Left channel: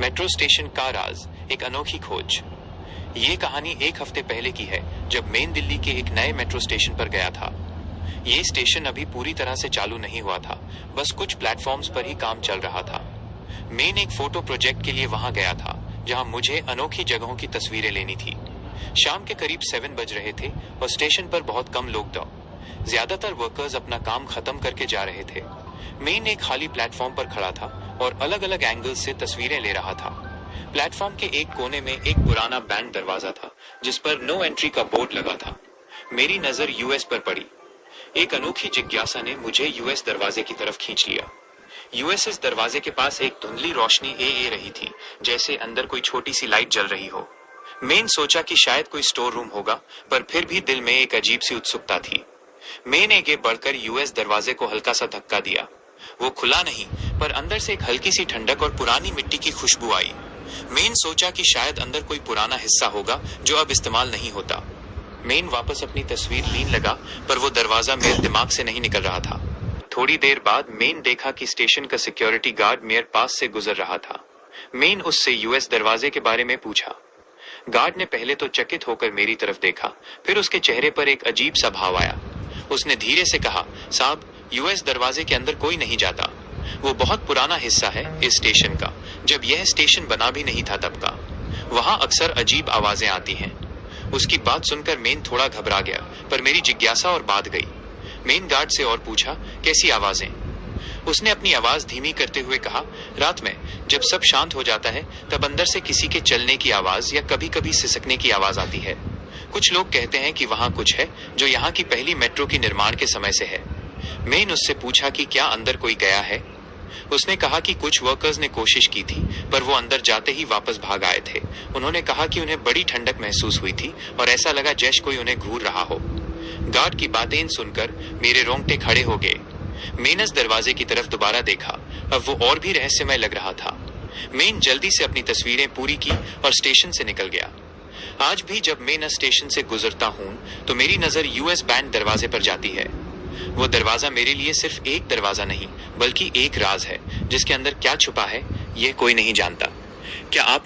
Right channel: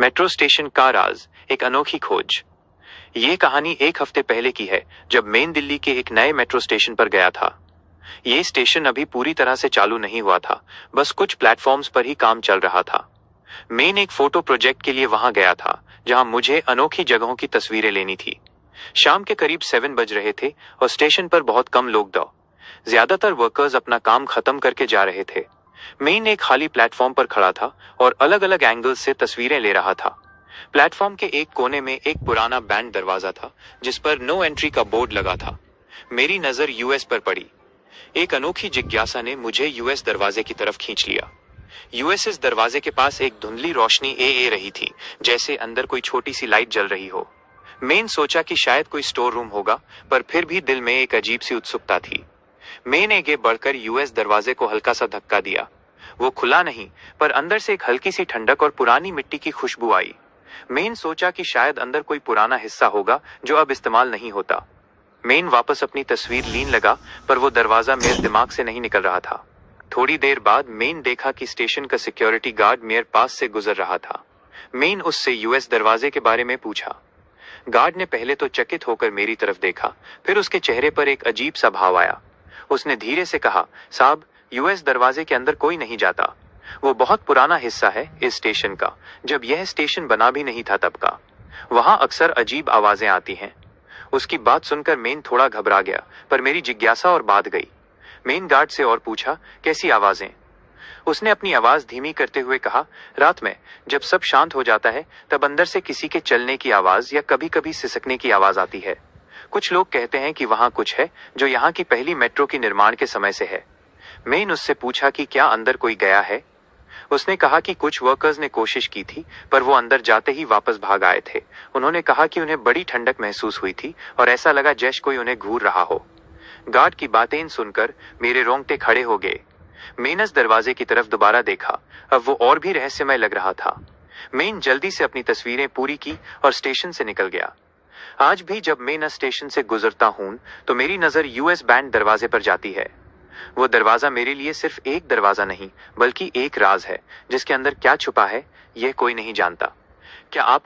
Metro station का राज, एक अनोखी खोज। ये कहानी एक हफ्ते पहले की है, जब मेन दिल्ली के एक नए मेट्रो स्टेशन पर गया था। ये स्टेशन अभी पूरी तरह से चालू नहीं हुआ था, बस कुछ प्लेटफॉर्म्स पर ही काम चल रहा था। मेन एक फोटो प्रोजेक्ट के लिए वहां गया था, जहां मुझे अनोखी जगहों की तस्वीरें लेनी थी। शाम के करीब 7 बज रहे थे और स्टेशन पर बहुत कम लोग थे। ज्यादातर वर्कर्स अपना काम खत्म करके जा रहे थे। मेन एक खाली प्लेटफॉर्म पर खड़ा था और अलग अलग एंगल्स से तस्वीरें ले रहा था। प्लेटफॉर्म के एक कोने में एक पुराना बैंड दरवाजा था, जिस पर नो एंट्री का बोर्ड लगा था। मेरी नजर यूएस पर पड़ी। एक अनोखी जिज्ञासा ने मुझे यूएस दरवाजे की तरफ खींच लिया। यूएसएस दरवाजे के पास एक धुंधली रोशनी ए रही थी, जैसे अंदर कोई छोटी सी लाइट जल रही हो। मेन सोचा कि शायद कोई स्टोर रूम होगा, पर फिर भी दिल में एक अजीब सी उत्सुकता थी। मेन आगे बढ़कर यूएस दरवाजे को हल्का सा धक्का दिया। वो खुला नहीं, पर अंदर से एक हल्की सी ठंडक और पुरानी मिट्टी की खुशबू आई। मेन सोचा कि शायद अंदर कोई पुराना हिस्सा होगा जो अब इस्तेमाल नहीं होता। मेन वापस अपनी तस्वीर लेने लगा, पर वो दरवाजा मेरे दिमाग से नहीं निकल रहा था। थोड़ी देर बाद मेन देखा कि स्टेशन का सिक्योरिटी गार्ड मेरे पास से गुजर रहा था। मेन उससे यूएस दरवाजे के बारे में पूछा। गार्ड ने पहले तो चकित होकर मेरी तरफ देखा, फिर उसके चेहरे पर एक अजीब सा भाव आया। उसने धीरे से कहा, साहब, यूएस दरवाजे के अंदर कोई नहीं जाता। वो बहुत पुराना हिस्सा है इस स्टेशन का, जब यह स्टेशन बना भी नहीं था तब का। वहां अक्सर अजीब आवाजें आती हैं। उसकी बात सुनकर मेन थोड़ा घबरा गया, पर मेरी जिज्ञासा और बात गई। मेन गार्ड से और पूछा, कैसी आवाजें? उसने अपनी आवाज धीमी करते हुए कहा, रात में जब सब शांत हो जाता है, तब अंदर से किसी के चलने की आवाज या कभी कभी सिसकने की आवाज आती है। कुछ लोग कहते हैं कि वहां कुछ है जो यहाँ की पहली मेट्रो की निर्माण के समय से है। मैंने उससे पूछा कि क्या अंदर कोई गया है। उसने कहा कि कुछ वर्कर्स ने कोशिश की थी, पर वो अंदर जाते ही वापस भाग आए थे। उन्होंने कहा कि उन्हें बड़ी ठंडक महसूस हुई थी और ऐसा लगा जैसे कोई उन्हें घूर रहा हो। गार्ड की बातें सुनकर मेरे रोंगटे खड़े हो गए। मेन दरवाजे की तरफ दोबारा देखा। अब वो और भी रहस्यमय लग रहा था। मेन जल्दी से अपनी तस्वीरें पूरी की और स्टेशन से निकल गया। आज भी जब मैं स्टेशन से गुजरता हूं, तो मेरी नजर यूएस बैंड दरवाजे पर जाती है। वो दरवाजा मेरे लिए सिर्फ एक दरवाजा नहीं, बल्कि एक राज है, जिसके अंदर क्या छुपा है, यह कोई नहीं जानता। क्या आप